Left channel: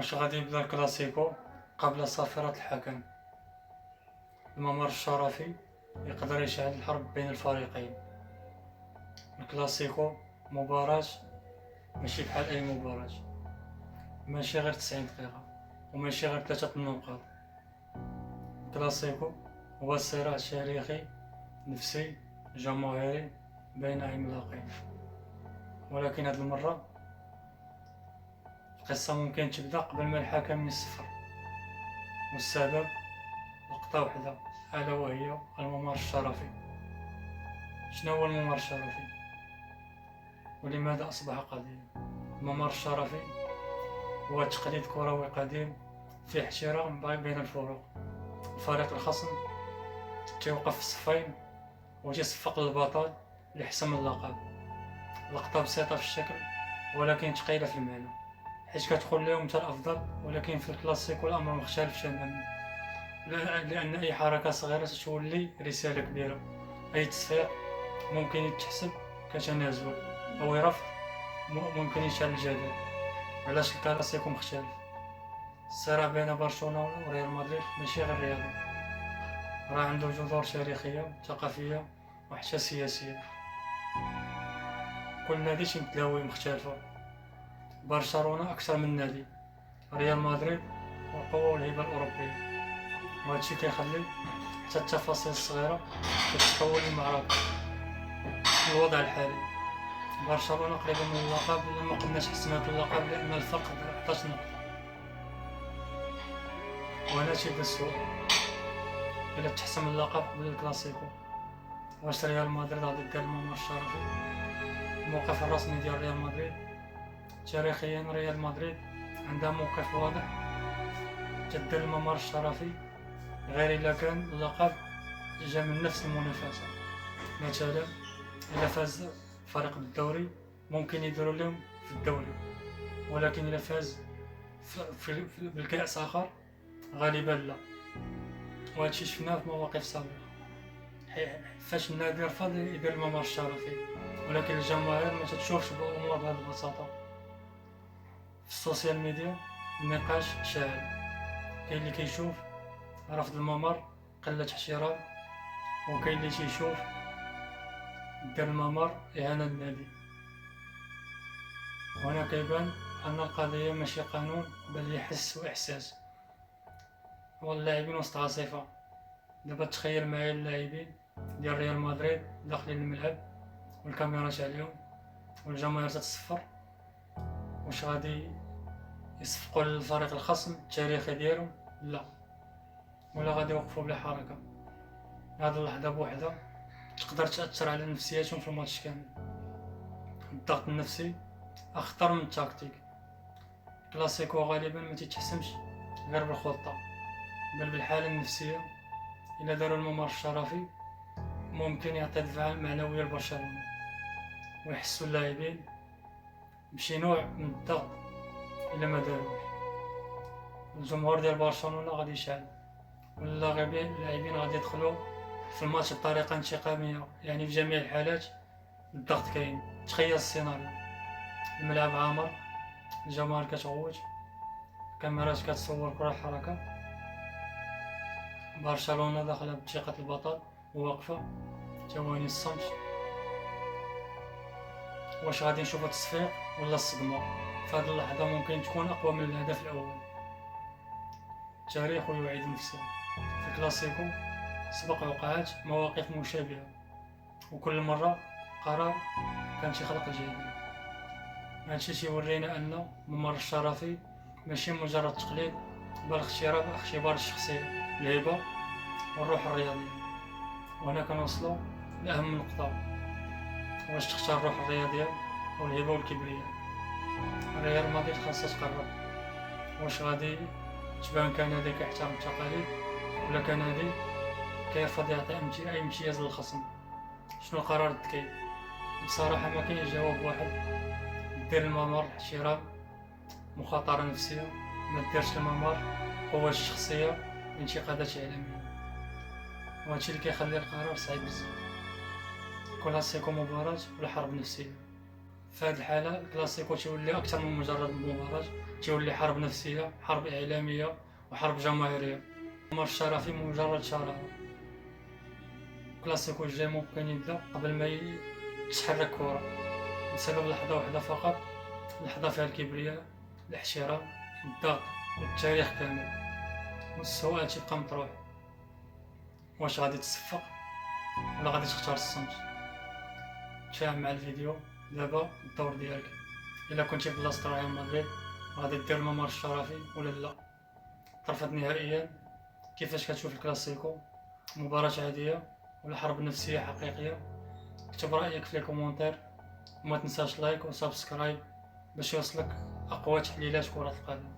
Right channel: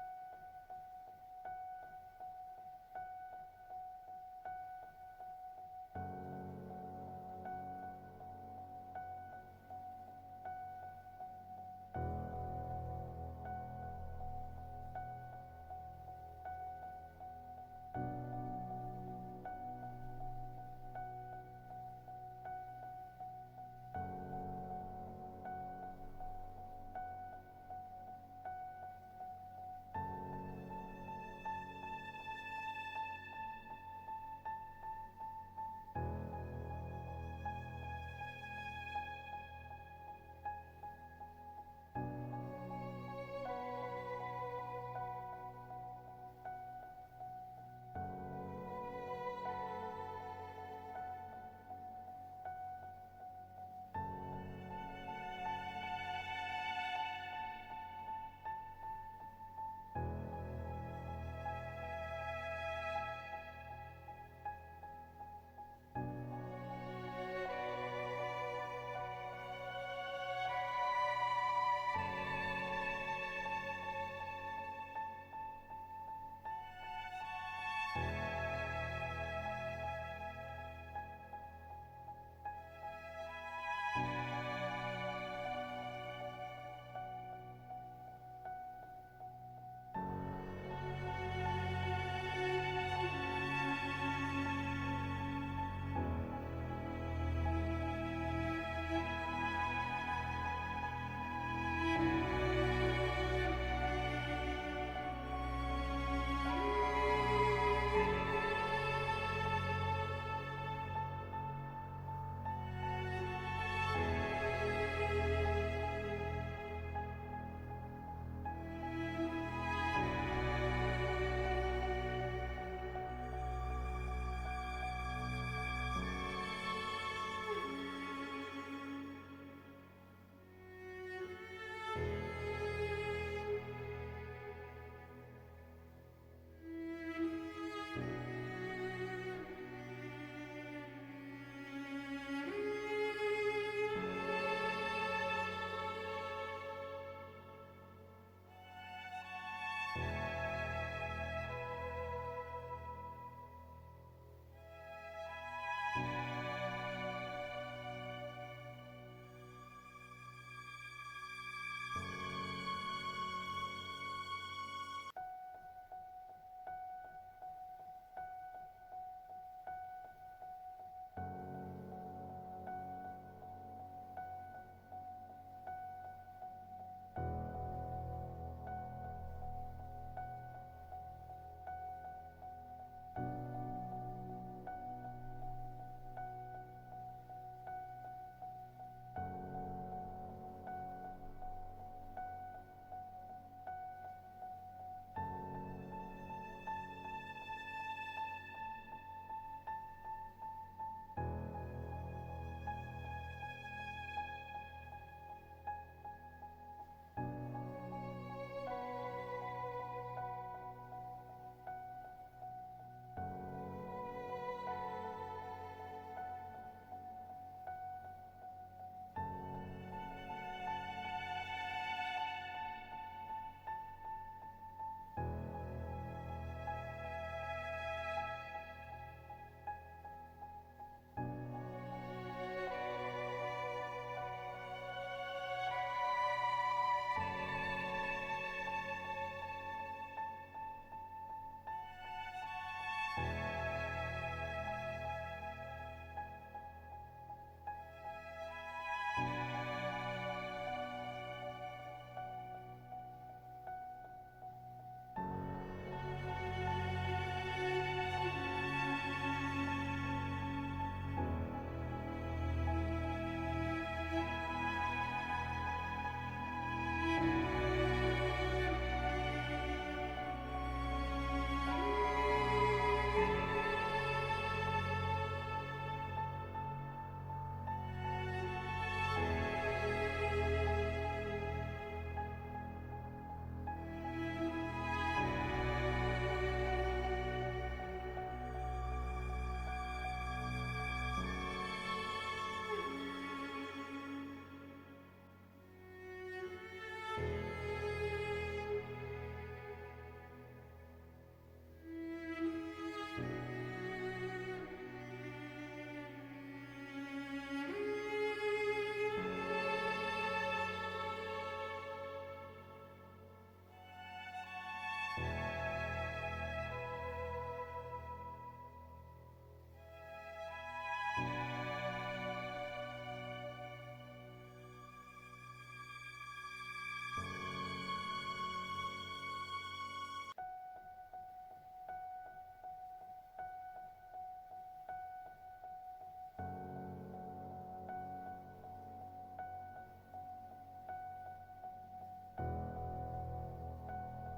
واش غادي يبدا الكلاسيكو قبل صافرة الحكم؟ الممر الشرفي يقدر يشعل الحرب بين الفريقين. الكلاسيكو مباراة ماشي بحال أي مباراة، ماشي غير 90 دقيقة وماشي غير 3 النقاط. الكلاسيكو هو صراع تاريخي نفسي جماهيري بين عملاقين، ولكن هاد المرة القصة ممكن تبدا قبل ما الحكم يصفر، والسبب نقطة وحدة ألا وهي الممر الشرفي. شنو هو الممر الشرفي ولماذا أصبح قضية؟ الممر الشرفي هو تقليد كروي قديم فيه احترام بين الفرق. الفريق الخصم تيوقف في الصفين وتيصفق للبطل لحسم اللقب. لقطة بسيطة في الشكل ولكن ثقيلة في المعنى، حيت كتخليهم انت الأفضل. ولكن في الكلاسيكو الأمر مختلف تماما، لأن أي حركة صغيرة تولي رسالة كبيرة. أي تصفيق ممكن يتحسب كتنازل أو رفض ممكن يشعل الجدل. علاش الكلاسيكو مختلف؟ الصراع بين برشلونة وريال مدريد ماشي غير رياضي، راه عنده جذور تاريخية ثقافية وحتى سياسية. كل نادي تيمثل هوية مختلفة، برشلونة أكثر من نادي، ريال مدريد القوة والهيبة الأوروبية، وهادشي كيخلي حتى التفاصيل الصغيرة كتتحول لمعركة. الوضع الحالي برشلونة قريبة من اللقب، وما قدرناش حسمنا اللقب لأن الفرق 14 نقطة. وهنا تيبدا السؤال، إلا تحسم اللقب من الكلاسيكو واش ريال مدريد غادي دير الممر الشرفي؟ الموقف الرسمي ديال ريال مدريد تاريخيا، ريال مدريد عندها موقف واضح، تدير الممر الشرفي غير إلا كان اللقب جا من نفس المنافسة. مثلا إلا فاز فريق بالدوري ممكن يديروا لهم في الدوري، ولكن إلا فاز بالكأس آخر غالبا لا. وهادشي شفناه في مواقف سابقة، فاش النادي رفض يدير الممر الشرفي، ولكن الجماهير ما تتشوفش الأمور بهذه البساطة. في السوشيال ميديا النقاش شاعل، كاين اللي كيشوف رفض الممر قلة احترام، وكاين اللي تيشوف دير الممر إهانة للنادي. هنا كيبان أن القضية ماشي قانون بل هي حس وإحساس. واللاعبين وسط عاصفة. دابا تخيل معايا اللاعبين ديال ريال مدريد داخلين الملعب والكاميرات عليهم والجماهير تتصفر، واش غادي يصفقوا للفريق الخصم التاريخي ديالهم؟ لا، ولا غادي يوقفوا بلا حركة. هاد اللحظة بوحدها تقدر تأثر على نفسياتهم في الماتش كامل. الضغط النفسي أخطر من التكتيك. الكلاسيكو غالبا ما تتحسمش غير بالخطة بل بالحالة النفسية. إلا داروا الممر الشرفي ممكن يعطي دفعة معنوية لبرشلونة، ويحسوا اللاعبين بشي نوع من الضغط. إلا ما داروش الجمهور ديال برشلونة غادي يشعل، واللاعبين غادي يدخلوا في الماتش بطريقة انتقامية. يعني في جميع الحالات الضغط كاين. تخيل السيناريو، الملعب عامر، الجماهير كتغوت، الكاميرات كتصور كل حركة، برشلونة داخلة بثقة البطل وواقفة، ثواني الصمت. واش غادي نشوفو التصفيق ولا الصدمة؟ في هذه اللحظة ممكن تكون أقوى من الهدف الأول. التاريخ يعيد نفسه. في الكلاسيكو سبق وقعات مواقف مشابهة، وكل مرة قرار كان تيخلق الجدل. هادشي تيورينا أن الممر الشرفي ماشي مجرد تقليد بل اختبار الشخصية، الهيبة والروح الرياضية. وهنا كنوصلو لأهم نقطة، واش تختار الروح الرياضية والهيبة والكبرياء؟ ريال مدريد خاصها تقرر واش غادي تبان كنادي كيحترم التقاليد ولا كنادي كيرفض يعطي أي امتياز للخصم. شنو القرار الذكي؟ بصراحة ما كاينش جواب واحد. دير الممر احترام، مخاطرة نفسية. ما ديرش الممر قوة الشخصية، انتقادات إعلامية. وهادشي اللي كيخلي القرار صعيب بزاف. كلاسيكو مباراة ولا حرب نفسية؟ في هذه الحالة الكلاسيكو تيولي أكثر من مجرد مباراة، تيولي حرب نفسية، حرب إعلامية وحرب جماهيرية. عمر الشرفي مجرد شارع. الكلاسيكو الجاي ممكن يبدا قبل ما يتحرك كورة، بسبب لحظة واحدة فقط، لحظة فيها الكبرياء، الاحترام، الضغط والتاريخ كامل. والسؤال تيبقى مطروح: واش غادي تصفق ولا غادي تختار الصمت؟ تفاهم مع الفيديو. دابا الدور ديالك، الا كنتي في بلاصة ريال مدريد غادي دير عمر الشرفي ولا لا؟ طرفت نهائيا. كيفاش كتشوف الكلاسيكو؟ مباراة عادية ولا حرب نفسية حقيقية؟ اكتب رأيك في الكومنتير، وما تنساش لايك وسبسكرايب باش يوصلك أقوى تحليلات كرة القدم.